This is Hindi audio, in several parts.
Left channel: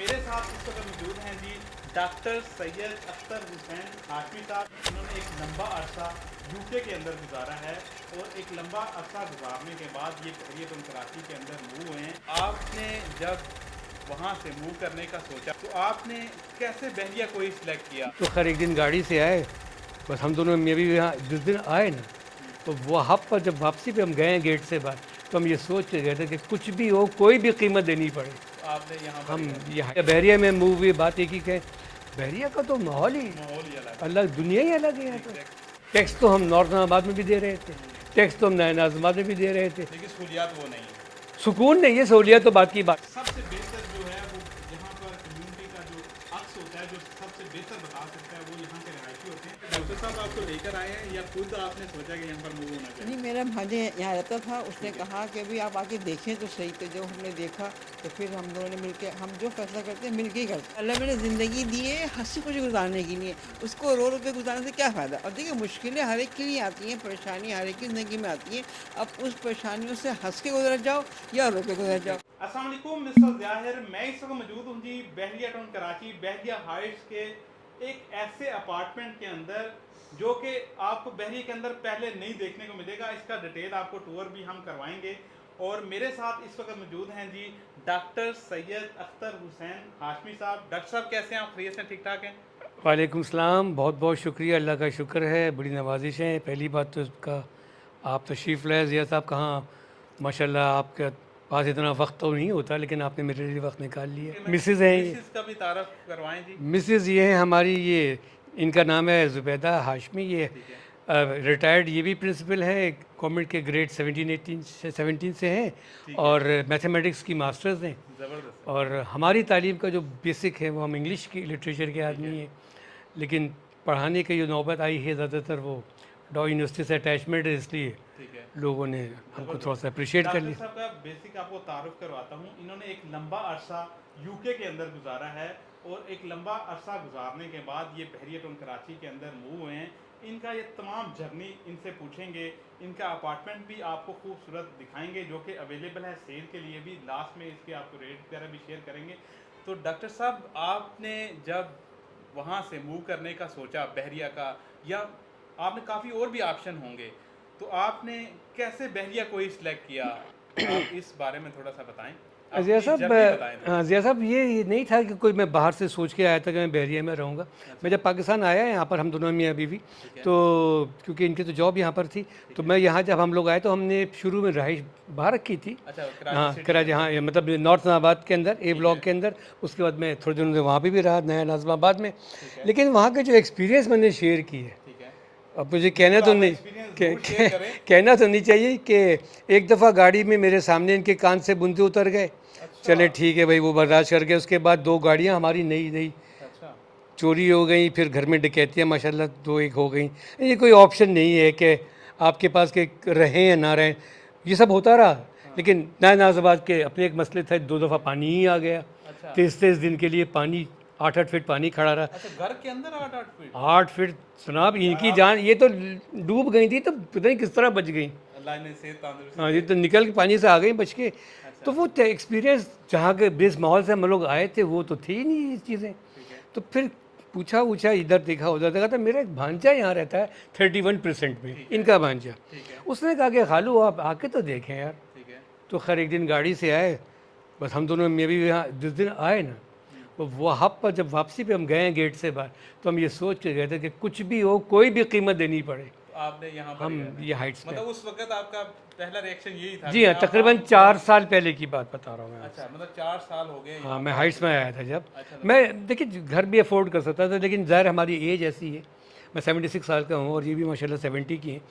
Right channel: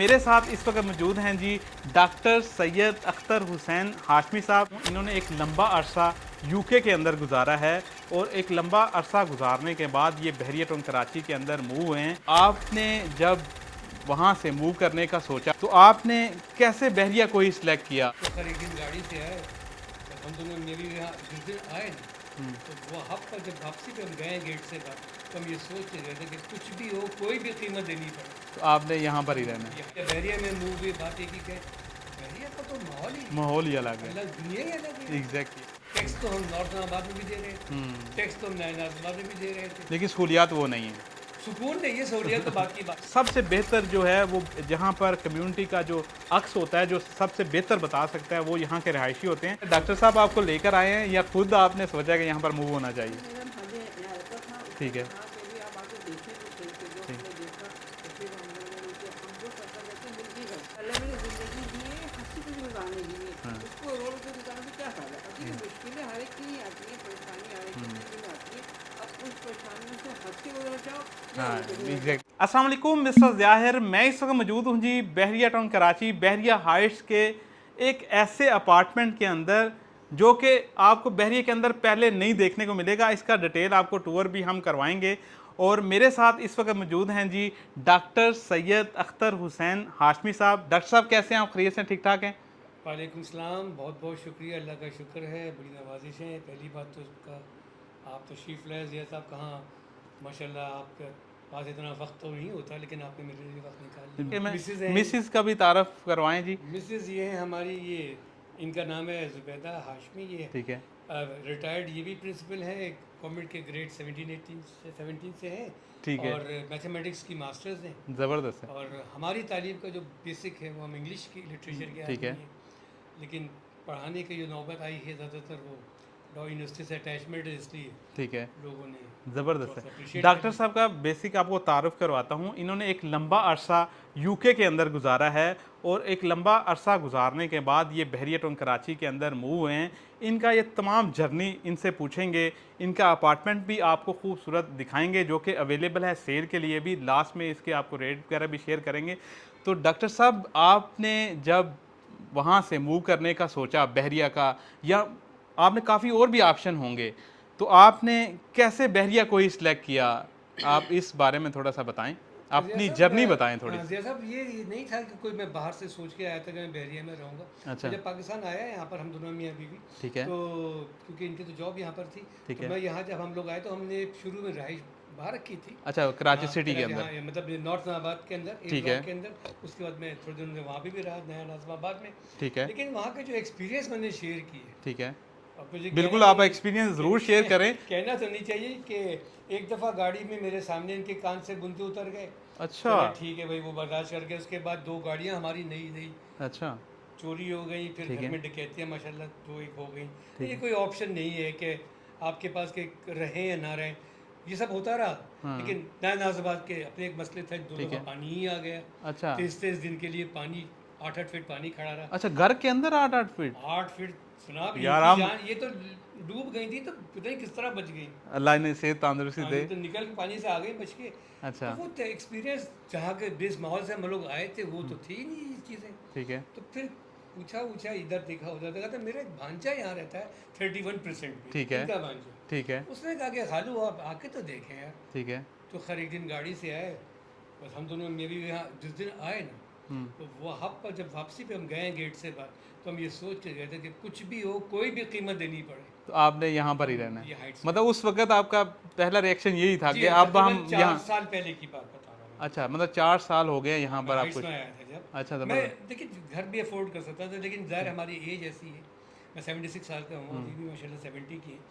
मेरे साथ इस वक्त मौजूद हैं जी डॉक्टर सैयद अख्तर हुसैन हाशमी साहब। इन्होंने एक लंबा अरसा यूके के अंदर गुजारा है और एक लंबा अरसा गुजारने के बाद ये बहरिया टोन कराची के अंदर मूव हुए हैं। आपने जब वहाँ से मूव करने का सोचा तो आपने कैसे बहरिया को ही सिलेक्ट किया? तो खैर एक दिन गाड़ी से आए, बस हम दोनों में भी यहाँ जिस दिन आए ना, तो वो हब पर जब वापसी पे हम गए गेट से बाहर, तो हम ये सोच के गए थे कि कुछ भी हो, कोई भी कीमत देनी पड़े। तो आपने यहाँ पर ही रहना, यहाँ बहरिया में मूव हुई, बात एक ही कि बहरिया का तो माहौल ही अलग है। अलग, दुनिया ही अलग है। एग्जैक्ट। टैक्स तो हम नॉर्थ नाबाद में भी दे रहे थे, टैक्स तो हम नया नाजमाबाद में भी दे रहे थे, लेकिन सहूलियात वो नहीं है। सुकून नहीं है, सहूलियत तो बात की बात। सबसे बेहतर जो है वो जहाँ पर कम्युनिटी का जो अक्स होता है, जो सबसे बेहतर बता सकता है, वो यहाँ के रहायशी होते हैं। डॉक्टर साहब आपको लेकर आए हैं या खुद आपने सोचा कि यहाँ पर मूव होना चाहिए? जी, मेरा भांजे यहाँ रहता था, उसने ठीक है। कहा कि अभी आप आके देखें तो सही। तो जो हमने देखा तो फिर हम दोनों ने मिलकर, हम जो फैसला करते हैं मिलके ही करते हैं। अल्लाह मैंने ज़िंदगी दी है हंसी खुशी गुजारने के लिए, उसको रो रो के गुजारने से क्या फ़ायदा। अब देखिए, मुश्किलें हर एक के लिए आती हैं, परेशानी हर एक की ज़िंदगी में आती है। अब उस परेशानियों से हंस के गुजर जाओ या रो के गुजर जाओ। अस्सलाम वालेकुम, मिस्टर ज़ाहिर। मैं इस वक्त मौजूद हूँ जी बहरिया टाउन कराची, बहरिया हाइट्स के एक ऐसे अपार्टमेंट के अंदर जो कि आपको बहरिया के अंदर पहले नहीं देखने को मिलेगा। इसका डिटेल आपको टूर भी हम करवाएंगे। और मेरे साथ इस वक्त मौजूद हैं जी डॉक्टर सैयद अख्तर हुसैन हाशमी साहब। डॉक्टर साहब कैसे हैं आप? खैरियत से ठीक ठाक हैं? वालेकुम सलाम, बहुत बहुत शुक्रिया, अल्लाह का शुक्र है, बड़ी नवाजिश है। पहली बात तो इसका आप तशरीफ़ लाए ज़िया साहब, कहाँ माशाल्लाह आपके पास इतना वक्त तो नहीं होता, लेकिन आपने मेरे लिए वक्त निकाल लिया। मिसेज़ हैं, मिसिस का भी तारफ़ करवाएं जी। मिसेज़ ये है हमारी, ये इनका नाम है ज़ुबैदा हाशमी। ये ठीक है। रिटायर्ड ये भी प्रिंसिपल है, गवर्नमेंट के ग्रेड 17 से हैं, ठीक है। और मैथमेटिक्स की मास्टर्स हैं। ज़बरदस्त है। और हमारी तालीम का जो बेसिक है वो हम इंग्लिश की लिटरेचर के आदमी है। हैं, लेकिन पढ़ाने की जो नौबत आई है ज़्यादातर वो डॉ यूनिवर्सिटी से अटैचमेंट है, इसलिए ठीक है। लोगों ने थोड़ा ज़बरदस्त सा है। अप्रिशिएट कर डॉक्टर लिया। साहब का बेसिक आपको तारुफ करवाता हूँ। इन्होंने एक लंबा अरसा यूके के अंदर गुजारा है और एक लंबा अरसा गुजारने के बाद ये बहरिया टाउन कराची के अंदर मूव हुए हैं। इनका ये तमाम जर्नी इनसे पूछेंगे। इनका अपार्टमेंट भी आपको खूबसूरत दिखाएंगे जो कि अवेलेबल है सेल के लिए भी। लास्ट में इसके आपको रेट वगैरह भी शेयर करेंगे। तो डॉक्टर साहब, आपने जब वहाँ से मूव करने का सोचा बहरिया का, या आपने काफ़ी और भी ऑप्शन होंगे, तो आपने कैसे बहरिया को ही सिलेक्ट किया? आप इस बारे में थोड़ा सा बताएं, ज़िया अपनी साहब, जर्नी बताएं थोड़ी हाँ सी। ज़िया साहब, ये नहीं था कि कोई मैं बाहर से सोच के आया था कि मैं बहरिया में रहूँगा। अच्छा। मैं जब पाकिस्तान आया, यहाँ पर हम दोनों मियाँ बीवी, ठीक है। तो क्योंकि इनकी तो जॉब यहाँ पर थी, ठीक तो है। मैं यहाँ जब हम लोग आए तो हमने शुरू में रहाइश बाहर रखी थी। अच्छा, कराची हाँ, सिटी के कराची, अंदर। हाँ, ये मतलब नॉर्थ नाबाद के अंदर, ए ठीक ब्लॉक है। के अंदर। उसके बाद मैं थोड़े दिनों से वहाँ पे भी रहा, नया नाज़िमाबाद में। ठीक है। लेकिन वहाँ के जो एक्सपीरियंस मैंने शेयर की है, ठीक है। अब मुझे बिल्कुल, कहना तो आप नहीं, एक्सपीरियंस ज़रूर शेयर करें। कहना तो नहीं चाहिए कि एक दफ़ा गाड़ी में मेरे सामने इनके कान से बूंदे उतर गए। अच्छा। चले ठीक है भाई, वो बर्दाश्त कर गए। उसके बाद दो गाड़ियाँ हमारी नई नई अच्छा। चोरी हो गई, फिर घर में डकैतियाँ माशाल्लाह दो एक हो गई। ये कोई ऑप्शन नहीं है कि आपके पास के रहें या ना रहें, ये सब होता रहा। लेकिन नया नाज़ाबाद के अपने एक मसले थे, दो दफ़ा पानी ही आ गया। अच्छा। 23 दिन के लिए पानी, 8-8 फीट पानी खड़ा रहा। अच्छा, घर के अंदर 8-8 फीट? 8 फीट जनाब, यार इनकी आप- जान, ये तो डूब गई थी, तो पता नहीं किस तरह बच गई। अल्लाह ने सेहत तंदुरुस्ती हाँ, दे। ये तो निकल के पानी से आ गई बच के। अच्छा। तो वो एक्सपीरियंस जहाँ के बेस माहौल से हम लोग आए थे, वो तो थी ही नहीं ये चीज़ें। ठीक है। तो फिर पूछा पूछा, इधर देखा उधर देखा, तो मेरा एक भांजा यहाँ रहता है 31% में, ठीक है। इनका भांजा। ठीक है। उसने कहा कि खालू आप आके तो देखें यार। ठीक है। तो खैर एक दिन गाड़ी से आए, बस हम दोनों में भी यहाँ जिस दिन आए ना, तो वो हब पर जब वापसी पे हम गए गेट से बाहर, तो हम ये सोच के गए थे कि कुछ भी हो, कोई भी कीमत देनी पड़े, तो आपने यहाँ पर ही हम रहना है। ये हाइट्स में। मतलब उस वक्त आपका पहला रिएक्शन यही था जी कि हाँ, अब तकरीबन हम 4 यहाँ- साल पहले की बात बता रहा हूँ मैं। अच्छा, मतलब 4 साल हो गए यहाँ हाँ, मैं पर हाइट्स आपको। में आया था जब। अच्छा, मैं देखिए घर भी अफोर्ड कर सकता था, लेकिन ज़ाहिर हमारी एज ऐसी है, मैं 76 साल का हूँ और ये भी माशाल्लाह 70 की हैं।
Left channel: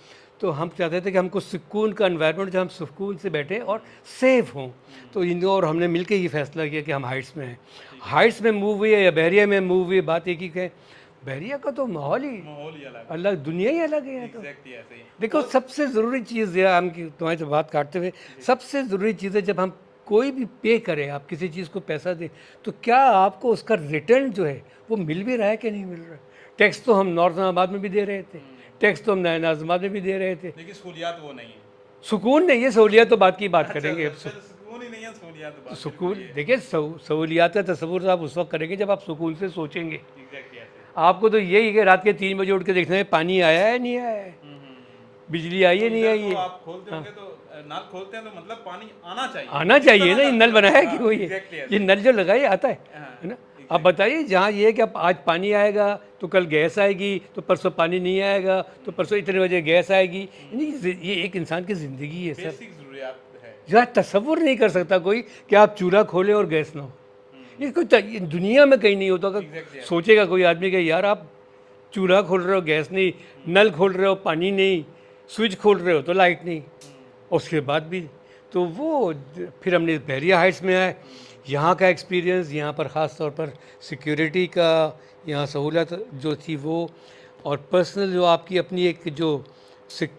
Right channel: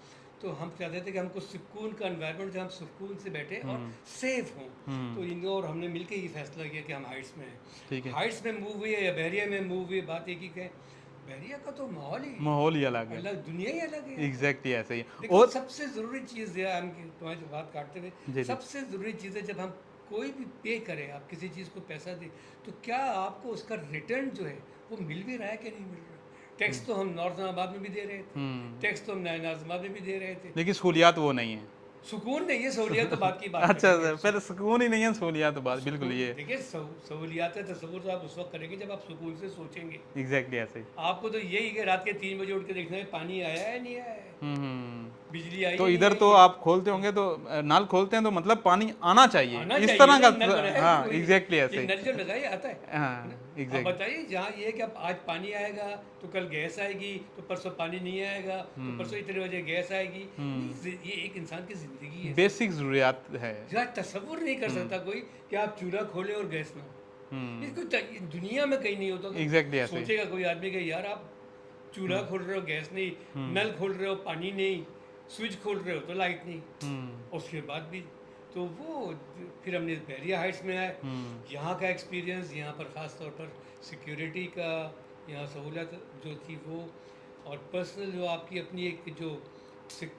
तो हम चाहते थे कि हमको सुकून का एनवायरनमेंट, जहाँ हम सुकून से बैठे और सेफ हों। तो इन और हमने मिलकर ये फैसला किया कि हम हाइट्स में हैं। हाइट्स में मूव हुए या बहरिया में मूव हुए, बात एक ही है, बहरिया का तो माहौल ही अलग है। अलग, दुनिया ही अलग है यहाँ तो। एग्जैक्टली ऐसे ही। देखो, सबसे ज़रूरी चीज़ है, हम तुम्हारी से बात काटते हुए, सबसे ज़रूरी चीज़ है जब हम कोई भी पे करें, आप किसी चीज़ को पैसा दें, तो क्या आपको उसका रिटर्न जो है वो मिल भी रहा है कि नहीं मिल रहा है। टैक्स तो हम नॉर्थ नाबाद में भी दे रहे थे, टैक्स तो हम नया नाजमाबाद में भी दे रहे थे, लेकिन सहूलियात वो नहीं है। सुकून नहीं है, सहूलियत तो बात की बात अच्छा करेंगे। फिर सुकून ही नहीं है, सहूलियत तो बात बिल्कुल ये देखिए सहूलियात का तस्वुर तो आप उस वक्त करेंगे जब आप सुकून से सोचेंगे। एग्जैक्टली ऐसे ही। आपको तो यही है कि रात के 3 बजे उठ के देखना है पानी आया है नहीं आया है, बिजली आई तो है नहीं इधर आई तो है। आप खोलते होंगे तो नल खोलते हैं तो मतलब पानी आना चाहिए, आना इस चाहिए तरह ना, का ये नल बनाया है हाँ, कि कोई एग्जैक्टली ये ऐसे। नल जो लगाए आता है हाँ, ना। आप exactly। बताइए जहाँ ये है कि अब आज पानी आएगा तो कल गैस आएगी, तो परसों पानी नहीं आएगा तो परसों इतने बजे गैस आएगी। ये एक इंसान की ज़िंदगी है सर। बेसिक जरूरियात है। यार तसव्वुर नहीं कर सकता कोई कि आप चूल्हा खोलें और गैस ना हो। ये कोई ये दुनिया में कहीं नहीं होता। अगर एग्जैक्टली ऐसे ही। सोचेगा कोई आदमी कि यार आप चूल्हा खोल रहे हो गैस नहीं, नल खोल रहे हो पानी नहीं, स्विच खोल रहे हो तो लाइट नहीं, और उसके बाद भी तो वो फिर हमने बहरिया हाइट्स में आए। यहाँ का एक्सपीरियंस, यहाँ पर ख़ास तौर पर सिक्योरिटी का, यहाँ सहूलत जो थी वो, और पर्सनल जो आपकी अपनी एक जो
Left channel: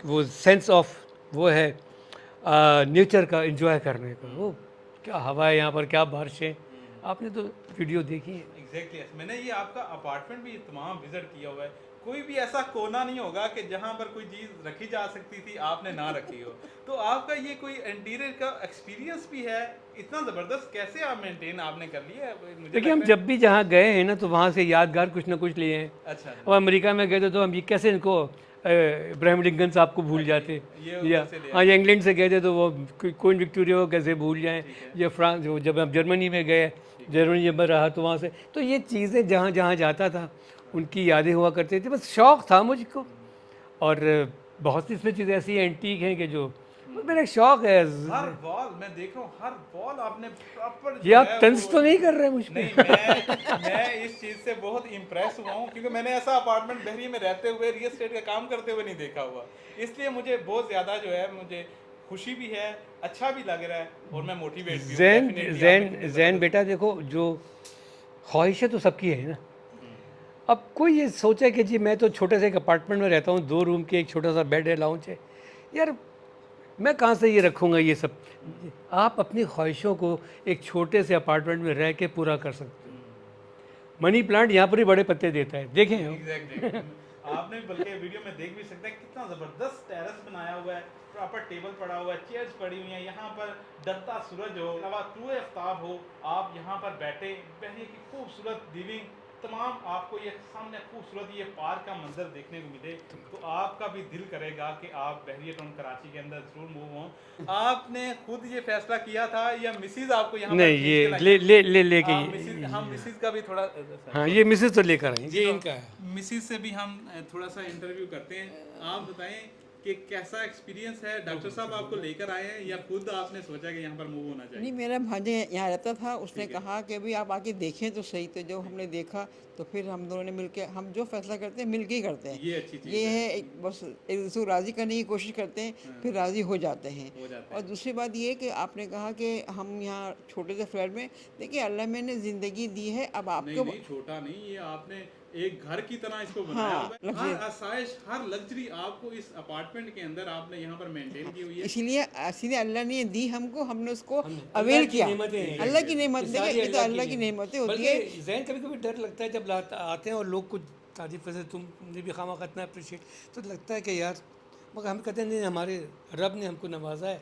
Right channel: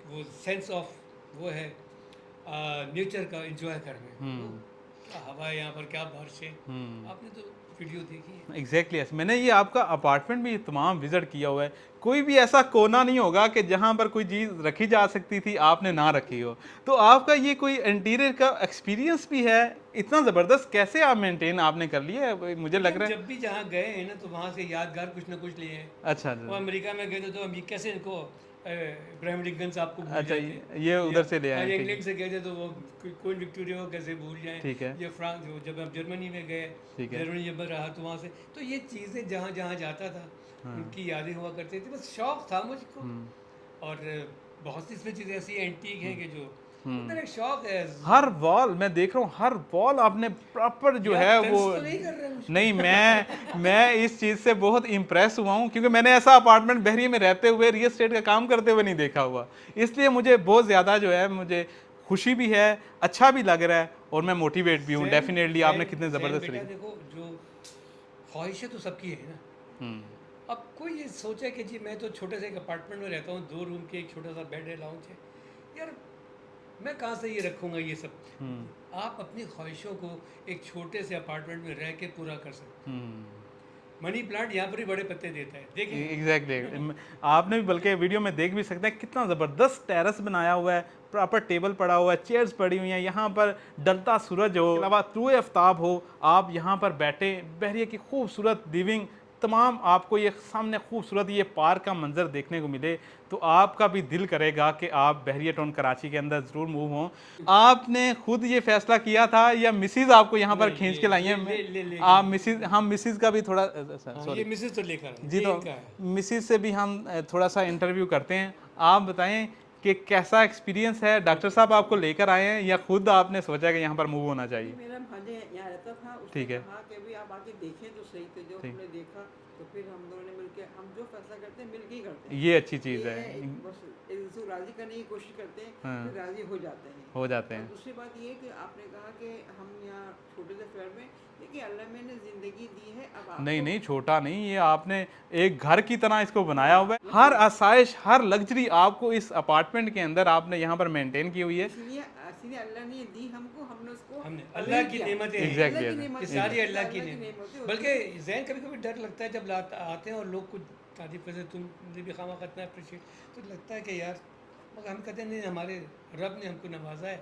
वो सेंस ऑफ वो है नेचर का एंजॉय करने को, वो क्या हवा है यहाँ पर, क्या बारिशें। आपने तो वीडियो देखी है। Exactly yes। मैंने ये आपका अपार्टमेंट भी तमाम विजिट किया हुआ है, कोई भी ऐसा कोना नहीं होगा कि जहाँ पर कोई चीज़ रखी जा सकती थी आपने ना रखी हो। तो आपका ये कोई इंटीरियर का एक्सपीरियंस भी है, इतना ज़बरदस्त कैसे आप मेंटेन आपने कर लिया है, मुझे देखिए लग हम रहा है। जब भी जहाँ गए हैं ना तो वहाँ से यादगार कुछ ना कुछ लिए हैं। अच्छा और अमेरिका में गए थे तो हम ये कैसे इनको इब्राहिम लिंकन साहब को भूल अच्छा, जाते। ये उधर से ले हाँ, आए ये थे। इंग्लैंड से गए थे तो वो क्वीन विक्टोरिया को कैसे भूल जाएं। ठीक है। या फ्रांस जब हम जर्मनी में गए, जर्मनी जब मैं रहा तो वहाँ से तो ये चीज़ें जहाँ जहाँ जाता था उनकी यादें हुआ करती थी। बस शौक़ था मुझको। और बहुत सी इसमें चीज़ें ऐसी एंटीक हैं कि जो मेरा शौक़ है। हर वॉल मैं देख रहा हूँ, हर वॉल आपने प्रॉपर ये जो है आप तंज वो तो नहीं कर रहे मुझे? नहीं, मैं इस चीज़ से बहुत इम्प्रेस हुआ हूँ क्योंकि मैंने ऐसा अपार्टमेंट बहरिया में रहते हुए रियल एस्टेट का काम करते हुए नहीं देखा हुआ, इसलिए मुझे बहुत ज़्यादा जो है मुझे खुशी भी है, अच्छा भी लग रहा है और मैं मोटिवेट भी हूँ डेफिनेटली। आपने कितने जैन ज़बरदस्त बेटा देखो, जो ख्वाहिशें तो सबकी है ना। अब कोई ये सोचे कि जी मैं तो छोटे से एक अपार्टमेंट में रहता हूँ, 2 रूम के, एक छोटा सा बेड है, लाउंज है, यार मैं कहाँ से ये रखूँगा ये सब। आप अपनी ख्वाहिशों को एक छोटे से अपार्टमेंट में रह के पूरा कर सकते हैं। मनी प्लांट यहाँ पर ही बड़े पत्ते देता है, देखें। एग्जैक्टली आपने भी बल्कि वीडियो में देख भी सकते हैं कितना ज़बरदस्त टेरेस बनाया हुआ है, प्रॉपर टेबल पड़ा हुआ है, चेयर्स पड़ी हुई हैं, यहाँ पर डलता सूरज हो, अलावा तूए आफ्ताब हो, आप यहाँ पर बैठे, बहरिया की खूबसूरत लिविंग, तमाम आपको ये सामने खूबसूरत ये पार्क का मंजर देखने को मिले तो आपका भी दिल करेगा कि आप बहरिया टाउन कराची के अंदर ज़रूर मूव हों। आपने खुद ये फैसला किया था या मिसिज आपको यहाँ पर नहीं, खींच ये के लाई? ले आप मिसिज, हम मिसिज का भी थोड़ा हाँ, ये मिसेज तो लेकर आई जी, तो मिसिज से भी हम थोड़ा सा इंटरव्यू करते हैं। आप बताएं कि कैसा एक्सपीरियंस है, डॉक्टर साहब आपको लेकर आए हैं या खुद आपने सोचा कि यहाँ पर मूव होना नहीं, चाहिए? मेरा भांजे यहाँ रहता था, उसने ठीक है। कहा कि भी आप आके देखें तो सही। तो जो हमने देखा तो फिर हम दोनों ने मिलके, हम जो फैसला करते हैं मिलके ही करते हैं। ये अच्छी चीज़ ये है। है बस एक दूसरे को राज़ी करने की कोशिश करते हैं, फिर राज़ी हो जाते हैं। हो जाते और हैं। दूसरी बात ये कि आपने कहा कि हम यहाँ छोटे से फ्लैट में, देखिए अल्लाह मैंने ज़िंदगी दी है, अब नहीं आपको नहीं, छोटा नहीं, ये आपने एक घर की तरह इसको बनाया हाँ, हुआ है। हर आसाइश, हर लग्जरी आपको इस अपार्टमेंट के अंदर आपने यहाँ पर मेंटेन की हुई है। इसीलिए अल्लाह ने दी हमको, हमने उसको अवेल किया। अल्लाह की नेमत है, ये तो अल्लाह की नेमतें होती है। बल्कि जैन कभी कभी डर लगता है जब आते हैं और लोग कुछ तारीफ से तुमने भी खामा इतना अप्रिशिएट, तो लगता है कि यार, मगर हम कहते हैं नहीं, हमारे रब ने हमको नवाजा है,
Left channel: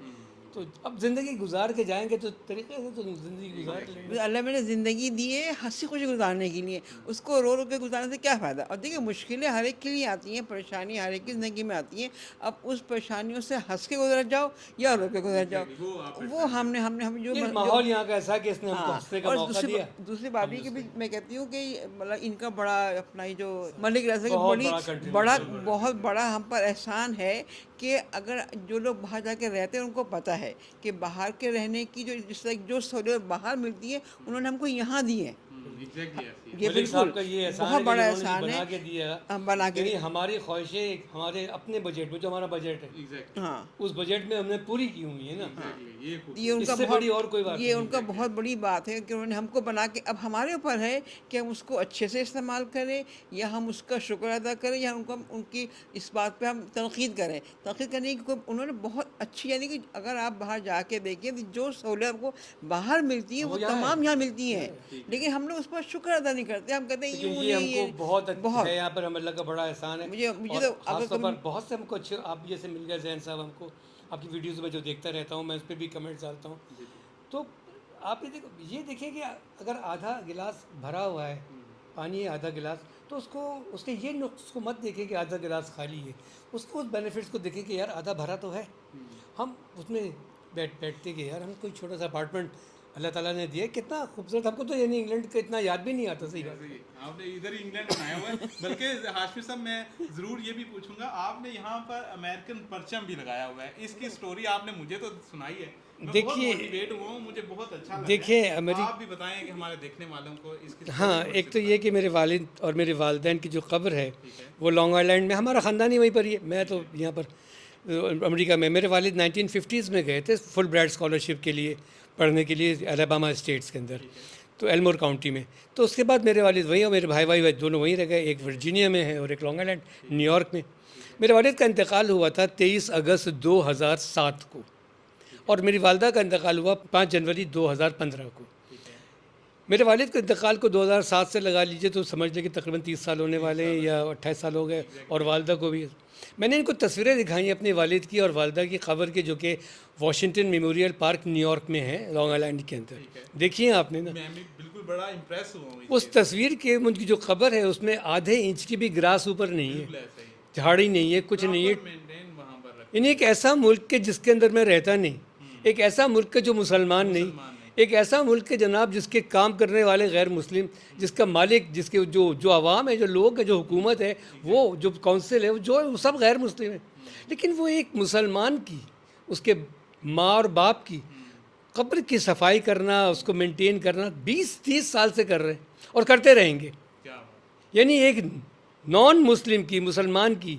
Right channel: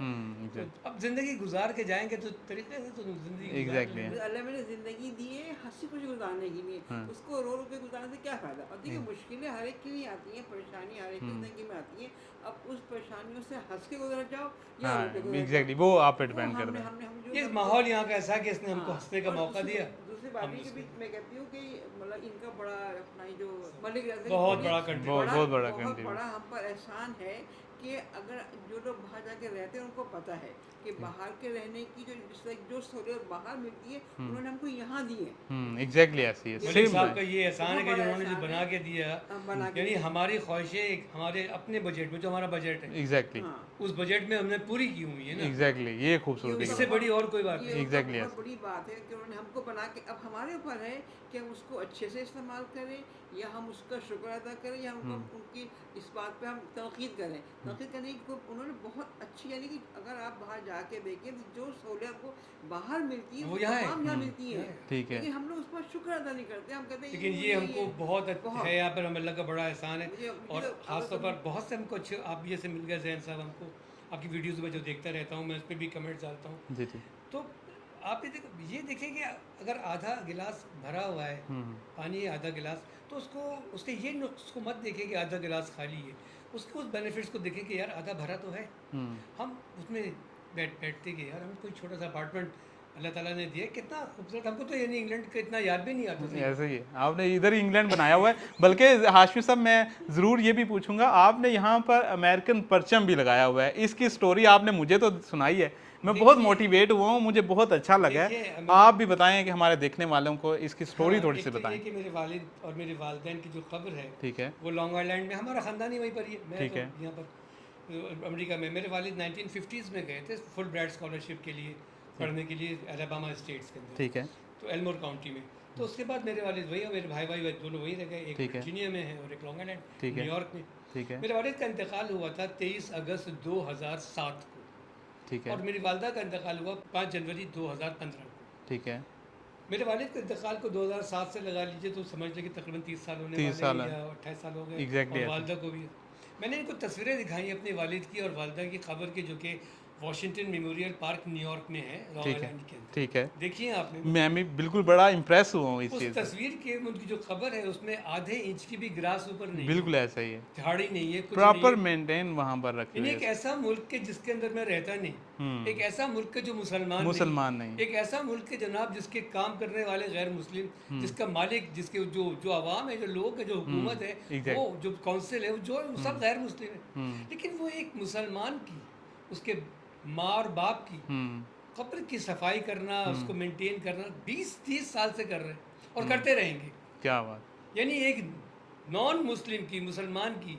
तो अब ज़िंदगी गुजार के जाएंगे तो तरीके से तो ज़िंदगी गुजार Exactly। लेंगे। अल्लाह मैंने ज़िंदगी दी है हंसी खुशी गुजारने के लिए, उसको रो रो के गुजारने से क्या फ़ायदा। और देखिए मुश्किलें हर एक के लिए आती हैं, परेशानी हर एक की ज़िंदगी में आती हैं। अब उस परेशानियों से हंस के गुजर जाओ या रो के गुजर एग्जैक्टली, जाओ, वो आप पे वो डिपेंड हमने करता है। हमने हम जो ये माहौल यहाँ का ऐसा है कि इसने हमको हाँ। हंसने का और मौका दिया। दूसरी बात भी कि भी मैं कहती हूँ कि मतलब इनका बड़ा अपना ही जो मलिक रज़ा बहुत बड़ी बड़ा country। बड़ा बहुत बड़ा बहुत country। बड़ा हम पर एहसान है कि अगर जो लोग बाहर जाके रहते हैं उनको पता है कि बाहर के रहने की जिस तरह जो सहूलियत बाहर मिलती है उन्होंने हमको यहाँ दी है। एग्जैक्टली ऐसी है। ये मलिक साहब बिल्कुल का ये एहसान बहुत है बड़ा कि एहसान इन्होंने है। बना के दिया, बना के यानी हमारी ख्वाहिशें हमारे अपने बजट में, जो हमारा बजट है, एग्जैक्टली हाँ, उस बजट में हमने पूरी की हुई है ना। एग्जैक्टली, ये ये खूबसूरती उनका इससे है। बड़ी और कोई बात ये नहीं। उनका Exactly, बहुत yes। बड़ी बात है कि उन्होंने हमको बना के, अब हमारे ऊपर है कि हम उसको अच्छे से इस्तेमाल करें या हम उसका शुक्र अदा करें या उनका उनकी इस बात पे हम तनकीद करें। तनकीद करने की उन्होंने बहुत अच्छी, यानी कि अगर आप बाहर जाके देखें तो जो सहूलियत आपको बाहर मिलती है वो यहाँ है। तमाम यहाँ मिलती हैं, ठीक है। लेकिन हम लोग उस पर शुक्र अदा नहीं करते। हम कहते हैं लेकिन यूँ ये नहीं, हमको बहुत अच्छा है, यहाँ पर हमें लगा बड़ा एहसान है। मुझे और तो खास अगर तौर कभी पर बहुत से हमको अच्छे आप जैसे मिल गए जैन साहब, हमको आपकी वीडियोज़ में जो देखता रहता हूँ, मैं उस पर भी कमेंट्स डालता हूँ। जी जी। तो आप ये देखें कि अगर आधा गिलास भरा हुआ है, पानी है आधा गिलास, तो उसको उसके ये नुक्स को मत देखें कि आधा गिलास खाली है, उसके उस बेनिफिट्स को देखें कि यार आधा भरा तो है। हम उसमें बैठते कि यार हमें कोई छोटा सा अपार्टमेंट अल्लाह ताला ने दिया, कितना खूबसूरत। हमको तो यानी इंग्लैंड का इतना याद भी नहीं आता था। ऐसे ही है, आपने इधर ही इंग्लैंड बनाया हुआ है। बल्कि हाशमी साहब, मैं ज़रूर ये भी पूछूंगा, आपने यहाँ पर अमेरिकन परचम भी लगाया हुआ है, इसकी स्टोरी आपने मुझे तो सुनाई है, मैं बहुत मोटिवेट हुआ हूँ, मुझे बहुत अच्छा लगा है। आप भी बताएं कि हमारे देखने वालों को इसकी स्टोरी हाँ, थोड़ी सी एक तो बताएं। ये कि मेरे वालिद और मेरे वालिदैन की जो कब्र है, ठीक है। वो लॉन्ग आइलैंड में, हमारा ख़ानदान ही वहीं पर ही है। मैं ठीक तो है। यहाँ पर अमेरिका में, मेरे वालिद 1950s में गए थे फुल ब्राइट स्कॉलरशिप के लिए पढ़ने के लिए अलाबामा स्टेट्स के अंदर, ठीक है। तो एल्मोर काउंटी में। तो उसके बाद मेरे वालिद वहीं और मेरे भाई दोनों वहीं रह गए, एक वर्जीनिया में है और एक लॉन्ग आइलैंड न्यूयॉर्क में। ठीक है। मेरे वालिद का इंतकाल हुआ था 23 अगस्त 2007 को, ठीक है। और मेरी वालदा का इंतकाल हुआ 5 जनवरी 2015 को। ठीक है। मेरे वालिद के इंतकाल को 2007 से लगा लीजिए तो समझ लीजिए कि तकरीबन 30 साल होने 30 वाले साल हैं, है। या 28 साल हो गए। Exactly और ऐसा। वालदा को भी मैंने इनको तस्वीरें दिखाई अपने वालिद की और वालदा की कब्र के, जो कि वॉशिंगटन मेमोरियल पार्क न्यूयॉर्क में है, लॉन्ग आइलैंड के अंदर। ठीक है। देखिए आपने ना, मैं भी बिल्कुल बड़ा इम्प्रेस हुआ हूँ इस उस चीज़ से। तस्वीर के उनकी जो कब्र है उसमें आधे इंच की भी ग्रास ऊपर नहीं है, बिल्कुल ऐसा ही है, झाड़ी नहीं है, कुछ नहीं प्रॉपर है। मेंटेन वहाँ पर रखते यानी एक ऐसा मुल्क के जिसके अंदर मैं रहता नहीं, एक ऐसा मुल्क के जो मुसलमान मुसलमान नहीं, नहीं। एक ऐसा मुल्क के जनाब जिसके काम करने वाले गैर मुस्लिम, जिसका मालिक, जिसके जो आवाम है, जो लोग है, जो हुकूमत है, वो जो काउंसिल है, जो सब गैर मुस्लिम है। लेकिन वो एक मुसलमान की, उसके माँ और बाप की कब्र की सफाई करना, उसको मेंटेन करना 20-30 साल से कर रहे हैं और करते रहेंगे। क्या बात। यानी एक नॉन मुस्लिम की, मुसलमान की,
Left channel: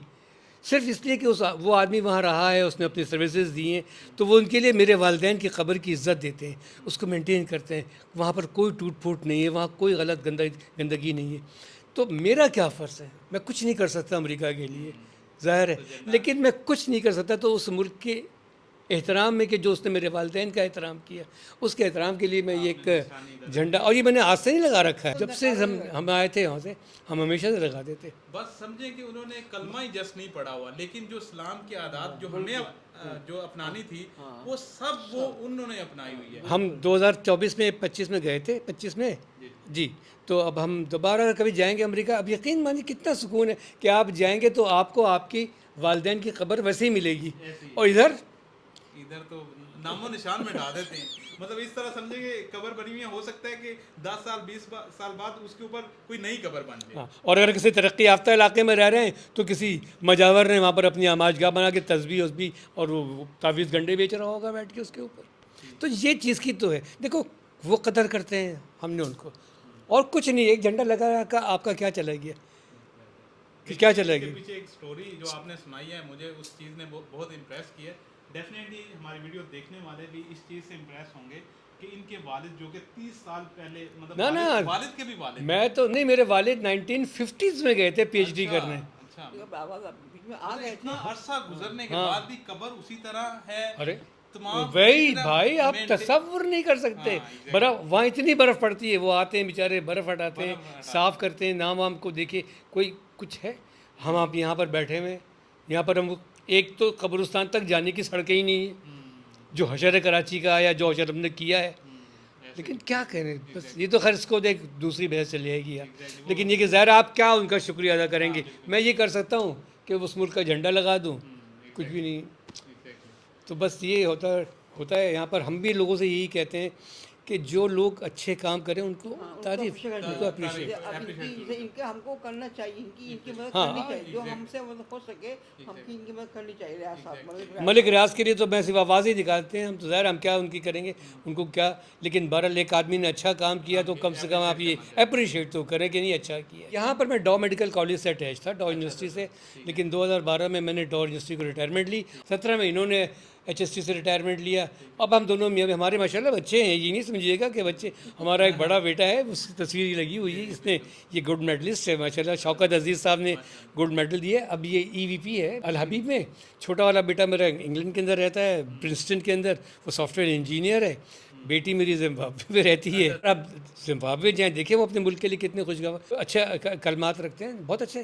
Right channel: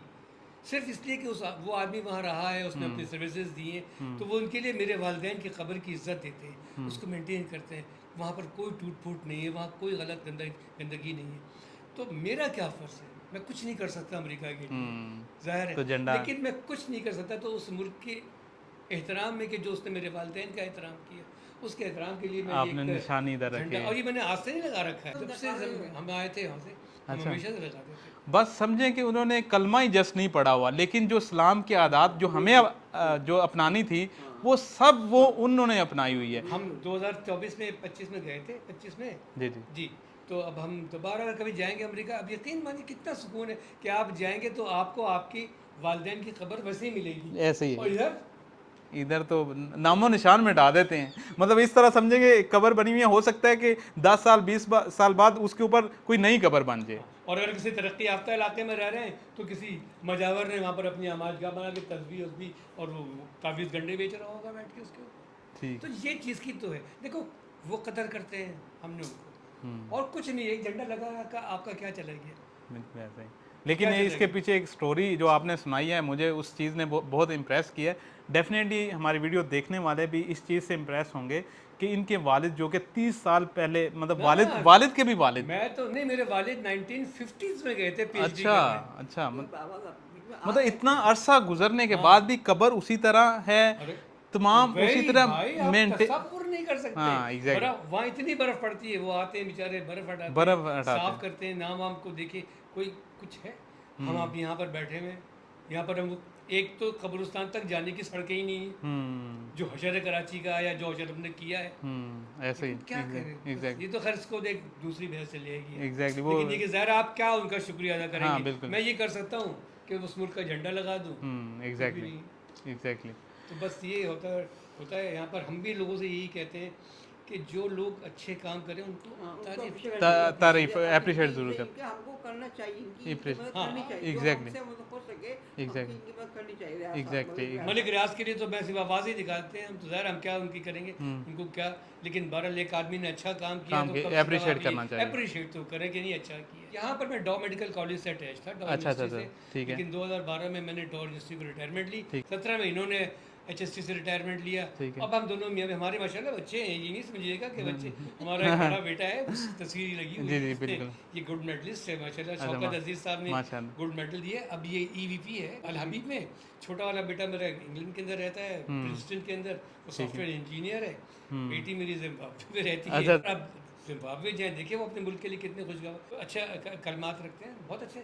सिर्फ इसलिए कि वो आदमी वहाँ रहा है, उसने अपनी सर्विसेज दी हैं, तो वो उनके लिए मेरे वालिदैन की कब्र की इज़्ज़त देते हैं, उसको मेंटेन करते हैं। वहाँ पर कोई टूट फूट नहीं है, वहाँ कोई गलत गंदगी नहीं है। तो मेरा क्या फ़र्ज़ है? मैं कुछ नहीं कर सकता अमेरिका के लिए, ज़ाहिर तो है, लेकिन मैं कुछ नहीं कर सकता तो उस मुल्क के एहतराम में, कि जो उसने मेरे वालिदैन का एहतराम किया, उसके एहतराम के लिए मैं ये एक झंडा, और ये मैंने आज से नहीं लगा रखा है, जब से हम आए थे वहाँ से, हम हमेशा से लगाते थे। बस समझें कि उन्होंने कलमा ही जस्ट नहीं पढ़ा हुआ, लेकिन जो इस्लाम की आदात जो हमें जो अपनानी थी, वो सब वो उन्होंने अपनाई हुई है। हम 2024 में 25 में गए थे, 25 में जी जी। तो अब हम दोबारा कभी जाएंगे अमेरिका। अब यकीन मानिए कितना सुकून है कि आप जाएंगे तो आपको आपकी वालिदैन की कब्र वैसे ही मिलेगी, ऐसे ही। और इधर तो नामो निशान मिटा देते हैं। मतलब इस तरह समझेंगे कब्र बनी हुई है, हो सकता है कि 10 साल 20 साल बाद उसके ऊपर कोई नई कब्र बन जाए। और अगर किसी तरक्की याफ्ता इलाके में रह रहे हैं तो किसी मजावर ने वहाँ पर अपनी आमाजगाह बना के तस्बीह उसबी और वो तावीज़ गंडे बेच रहा होगा बैठ के उसके ऊपर। तो ये चीज़ की तो है, देखो वो कदर करते हैं, हमने उनको, और कुछ नहीं, एक झंडा लगा का आपका क्या चला गया। लेकिन इसके पीछे एक स्टोरी जो आपने सुनाई है, मुझे उस चीज़ ने बहुत इम्प्रेस किया है। डेफिनेटली हमारी वीडियो देखने वाले भी इस चीज़ से इम्प्रेस होंगे कि इनके वालिद जो कि 30 साल पहले, मतलब वालिद के भी वालिद, मैं तो नहीं, मेरे वालिद 1950s में गए थे PhD करने। अच्छा, मतलब इतना अरसा गुजरने के बाद भी कब्र उसी तरह है, तमाम वही भाई, आप तसव्वुर नहीं कर सकते। बर्फ, वहाँ इतनी बर्फ पड़ती है, वो आते हैं बेचारे, बर्फ हटाते हैं, साफ करते हैं, नाम वाम को देखे कोई कुछ है। हम आप यहाँ पर बैठे हुए, यहाँ पर हम, एक तो कब्रिस्तान तक जाने की सड़कें ही नहीं है, जो हशर कराची का या जो हशर हमने किया है। लेकिन क्या करें, ये तो खैर इसको देख दूसरी बहस चल जाएगी। लेकिन ये कि ज़ाहिर आप क्या उनका शुक्रिया अदा करेंगे। मैं ये कर सकता हूँ कि उस मुल्क का झंडा लगा दूँ, कुछ भी नहीं। तो बस ये होता है यहाँ पर। हम भी लोगों से यही कहते हैं कि जो लोग अच्छे काम करें उनको तारीफ एप्रिशिएट जरूर करें, हमको करना चाहिए, एग्जैक्टली। मलिक रियाज के लिए तो मैं सिर्फ आवाज़ ही निकालते हैं, हम तो ज़ाहिर हम क्या उनकी करेंगे, उनको क्या। लेकिन बहरहाल एक आदमी ने अच्छा काम किया तो कम से कम आप ये अप्रिशिएट तो करें कि नहीं अच्छा किया। यहाँ पर मैं डॉ मेडिकल कॉलेज से अटैच था, डॉ यूनिवर्सिटी से, लेकिन 2012 में मैंने डॉ यूनिवर्सिटी को रिटायरमेंट ली, 17 में इन्होंने HST से रिटायरमेंट लिया। अब हम दोनों हमारे माशाल्लाह बच्चे हैं, ये नहीं समझिएगा कि बच्चे, हमारा एक बड़ा बेटा है, उस तस्वीर लगी हुई है, इसने ये गोल्ड मेडलिस्ट है माशाल्लाह, शौकत अजीज़ साहब ने गोल्ड मेडल दिया। अब ये EVP है अल हबीब में। छोटा वाला बेटा मेरा इंग्लैंड के अंदर रहता है, प्रिंसटन के अंदर, वो सॉफ्टवेयर इंजीनियर है। बेटी मेरी जिम्बाब्वे में रहती है। अब जिम्बाब्वे जहाँ देखे वो अपने मुल्क के लिए कितने खुशगवार अच्छा कलमात रखते हैं, बहुत अच्छे।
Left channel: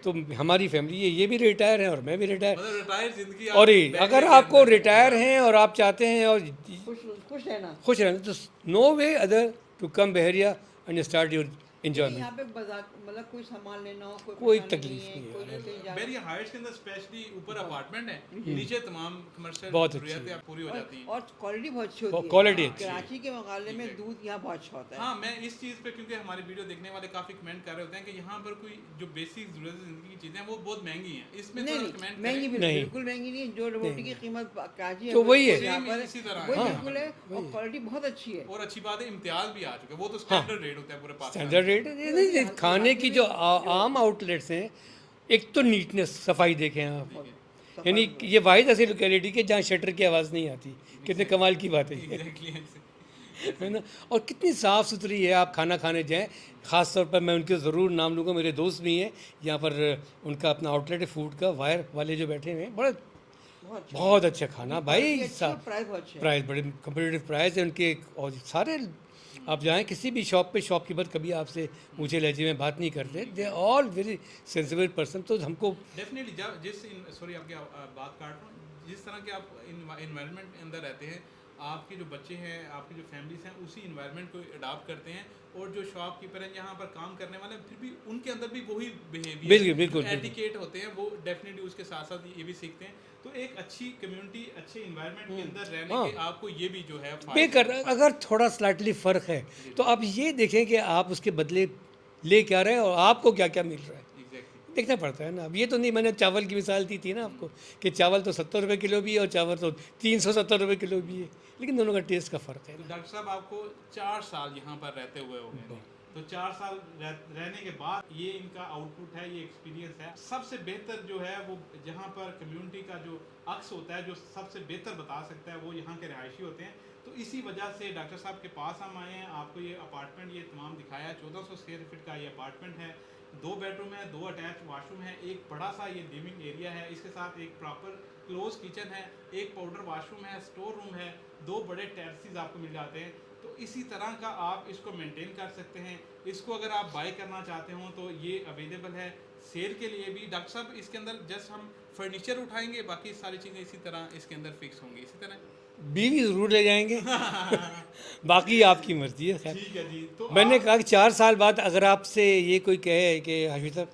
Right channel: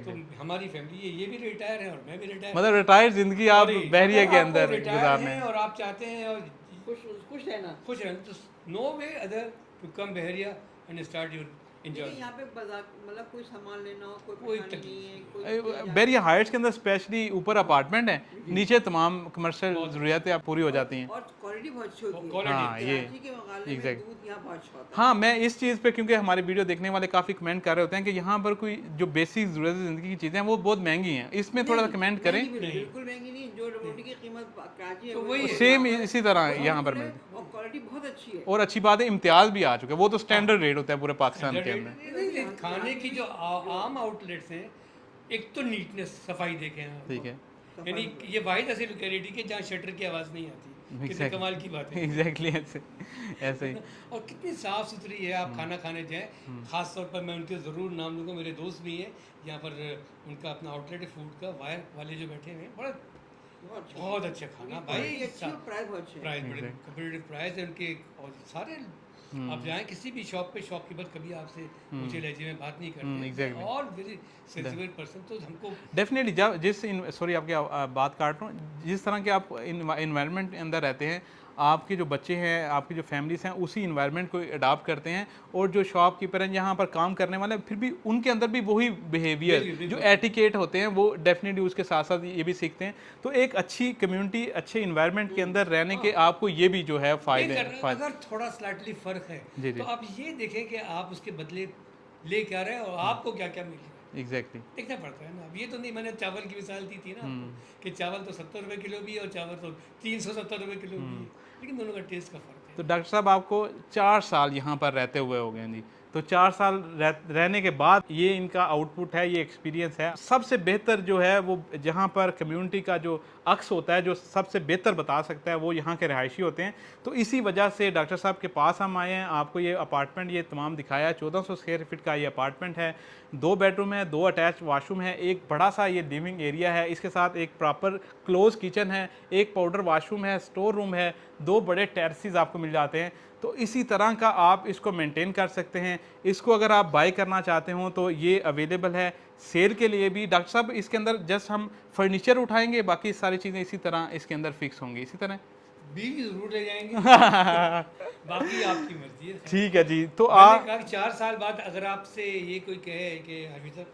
तो हमारी फैमिली ये भी रिटायर है और मैं भी रिटायर, मतलब रिटायर्ड जिंदगी। और अगर आपको रिटायर गुजारना हैं है। और आप चाहते हैं और खुश रहना। खुश रहना, तो no way other to come बहरिया एंड स्टार्ट योर एंजॉयमेंट। यहाँ पे बाजार मतलब कोई सामान लेना हो, कोई परेशानी तकलीफ नहीं है, नहीं है। कोई चीज़ यहाँ- बैरिया हाइट्स के अंदर स्पेशली ऊपर अपार्टमेंट है, नीचे तमाम कमर्शियल बहुत ज़रूरियातें आप पूरी हो जाती हैं। और क्वालिटी बहुत अच्छी होती है। क्वालिटी हाँ, ये कराची के मुकाबले में exact। दूध यहाँ बहुत अच्छा होता है। हाँ, मैं इस चीज़ पे, क्योंकि हमारी वीडियो देखने वाले काफ़ी कमेंट कर रहे होते हैं कि यहाँ पर कोई जो बेसिक ज़रूरत ज़िंदगी की चीज़ें हैं वो बहुत महंगी हैं, इसमें थोड़ा कमेंट करें। नहीं। बिल्कुल महंगी नहीं, जो रोटी की कीमत कराची तो वही है। सेम इसी तरह है यहाँ पर भी। और क्वालिटी बहुत अच्छी है। और अच्छी बात है, इम्तियाज़ भी आ चुके हैं, वो तो स्टैंडर्ड रेट होता है पूरे पाकिस्तान स्टैंडर्ड के रेट अंदर। नहीं, खाने की जो आम आउटलेट्स हैं, एक तो नीटनेस, सफाई देखें आप, ठीक है, यानी ये वाहिद ऐसी लोकेलिटी के जहाँ शटर की आवाज़ नहीं आती, कितने कमाल की बात है एग्जैक्टली ऐसे है ना? और कितनी साफ़ सुथरी है। आप खाना खाने जाएं, ख़ास तौर पर मैं उनके ज़रूर नाम लूँगा, मेरे दोस्त भी हैं यहाँ पर, उनका अपना आउटलेट है फूड का, वायर वाले जो बैठे हुए हैं, बड़ा बहुत अच्छा खाना भाई साहब, प्राइस बहुत अच्छा है। प्राइस बड़े कम्पिटिटिव प्राइस है उनके। और सारे आप जाएं किसी भी शॉप पे, शॉपकीपर कभी आपसे ऊंचे लहजे में बात नहीं करते, they all very sensible person. तो हमको डेफिनेटली जब सॉरी आपकी बात काट रहा हूँ, जिस तरह के आप इन्वायरमेंट के अंदर रहते हैं, आपके जो बच्चे हैं, आपकी जो फैमिलीज हैं, उसी इन्वायरमेंट को अडॉप्ट करते हैं, और जो शॉपकीपर हैं यहाँ पर काम करने वाले, फिर भी उनके अंदर भी वही बिहेवियर, बिल्कुल, बिल्कुल, जो एटिकेट होते हैं, वो डेफिनेटली उसके साथ साथ ये भी सीखते हैं। तो एक अच्छी कम्युनिटी, अच्छे इन्वायरमेंट के अंदर रहने के आपको ये भी जो है पे फायदे कर, अगर थोड़ा स्लाइटली फ़र्क है तो आप ये देखें कि आप उसके बदले ले क्या रहे हैं और आपको क्या क्या मिल रहा है, एग्जैक्टली। देखना पड़ता है ना। अब ये तो नहीं, मैंने चावल की मिसाल दी थी ना आपको कि चावल तो 70 रुपये किलो भी है और चावल तो 370 रुपये किलो भी है, लेकिन दोनों का टेस्ट का फ़र्क है। तो डॉक्टर साहब आपको 4 साल यहाँ पर रहते हुए हो गए जी, तो 4 साल रहने के बाद ये इनका आउटपुट है, ये एक्सपीरियंस है। सबसे बेहतर जो है वो जहाँ पर कम्युनिटी का जो अक्स होता है, जो सबसे बेहतर बता सकता है, वो यहाँ के रहायशी होते हैं। तो इसी वजह से डॉक्टर साहब के पास हम आए हैं, आपको ये अपार्टमेंट ये तमाम दिखाया। 1400 स्क्वायर फीट का ये अपार्टमेंट है, 2 बेडरूम है, 2 अटैच वाशरूम है, एक बड़ा सा ये लिविंग एरिया है, इसके साथ एक प्रॉपर क्लोज किचन है, एक पाउडर वाशरूम है, स्टोर रूम है, 2 बड़े टेरेसेस आपको मिल जाते हैं। तो इसी तरह का आप इसको मेंटेन कर सकते हैं। इसको अगर आप बाय करना चाहते हो तो ये अवेलेबल है सेल के लिए भी। डॉक्टर साहब इसके अंदर जस्ट हम फर्नीचर उठाएंगे, बाकी सारी चीज़ें इसी तरह इसके अंदर फिक्स होंगी, इसी तरह। बीवी ज़रूर ले जाएंगे बाकी आपकी मर्जी है। ठीक है जी। तो मैंने कहा कि 4 साल बाद अगर आपसे ये कोई कहे कि हाशिम साहब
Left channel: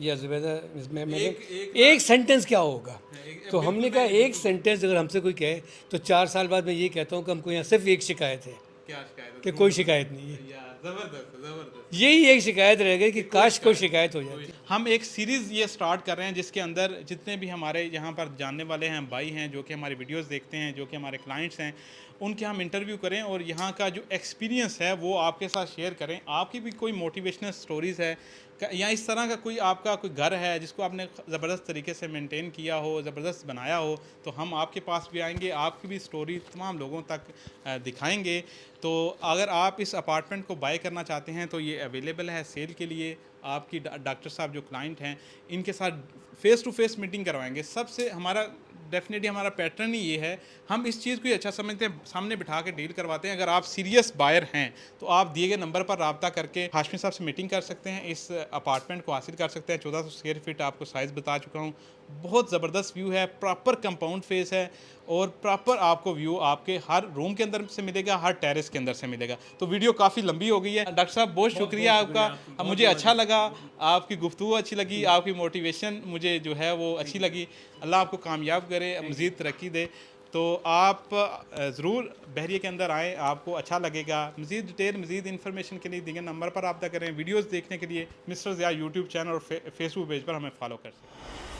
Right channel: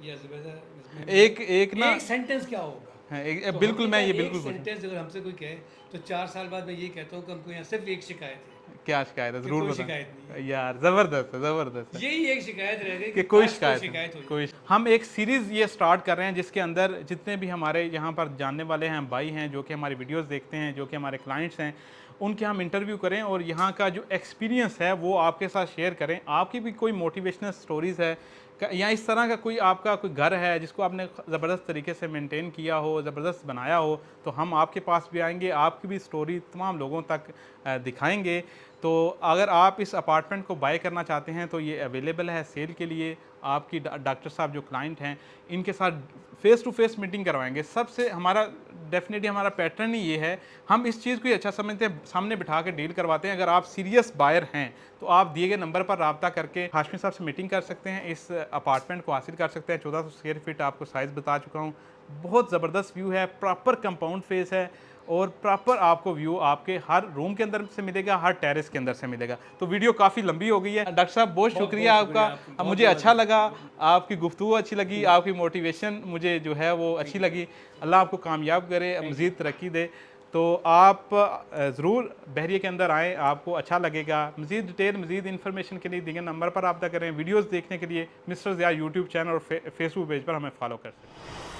या जुबैदा, इसमें एक सेंटेंस क्या होगा, तो बिल्कुल हमने मैं कहा ये एक सेंटेंस अगर हमसे कोई कहे तो 4 साल बाद मैं ये कहता हूँ कि हमको यहाँ सिर्फ एक शिकायत है क्या शिकायत है, कि जरूर कोई बताएं। शिकायत नहीं है। यार ज़बरदस्त है, ज़बरदस्त है। यही एक शिकायत रह गई कि काश कोई शिकायत हो जाए। हम एक सीरीज़ ये स्टार्ट कर रहे हैं जिसके अंदर जितने भी हमारे यहाँ पर जानने वाले हैं भाई हैं, जो कि हमारी वीडियोस देखते हैं, जो कि हमारे क्लाइंट्स हैं, उनके हम इंटरव्यू करें और यहाँ का जो एक्सपीरियंस है वो आपके साथ शेयर करें। आपकी भी कोई मोटिवेशनल स्टोरीज़ है या इस तरह का कोई आपका कोई घर है जिसको आपने ज़बरदस्त तरीके से मेंटेन किया हो, ज़बरदस्त बनाया हो, तो हम आपके पास भी आएंगे, आपकी भी स्टोरी तमाम लोगों तक दिखाएंगे। तो अगर आप इस अपार्टमेंट को बाय करना चाहते हैं तो ये अवेलेबल है सेल के लिए। आपकी डॉक्टर साहब जो क्लाइंट हैं, इनके साथ फ़ेस टू फेस मीटिंग करवाएंगे। सबसे हमारा डेफिनेटली हमारा पैटर्न ही ये है, हम इस चीज़ को ही अच्छा समझते हैं, सामने बिठा के डील करवाते हैं। अगर आप सीरियस बायर हैं तो आप दिए गए नंबर पर रब्ता करके हाशमी साहब से मीटिंग कर सकते हैं, इस अपार्टमेंट को हासिल कर सकते हैं। 1400 स्क्वायर फीट आपको साइज़ बता चुका हूँ, बहुत ज़बरदस्त व्यू है, प्रॉपर कंपाउंड फेस है और प्रॉपर आपको व्यू आपके हर रूम के अंदर से मिलेगा, हर टेरेस के अंदर से मिलेगा। तो वीडियो काफ़ी लंबी हो गई है। डॉक्टर साहब बहुत शुक्रिया आपका, मुझे अच्छा लगा, आपकी गुफ्तगू अच्छी लगी, आपकी मोटिवेशन मुझे जो है वो अच्छी लगी। अल्लाह आपको कामयाब करे, मज़ीद तरक्की दे। तो आप ज़रूर बहरिया के अंदर आएँ, आपको अच्छा लगेगा। मज़ीद डिटेल, मज़ीद इन्फॉर्मेशन के लिए दिए गए नंबर पर रब्ता करें। वीडियोज़ देखने के लिए मिस्टर ज़िया यूट्यूब चैनल और फेसबुक पेज पर हमें फॉलो कर सकते हैं।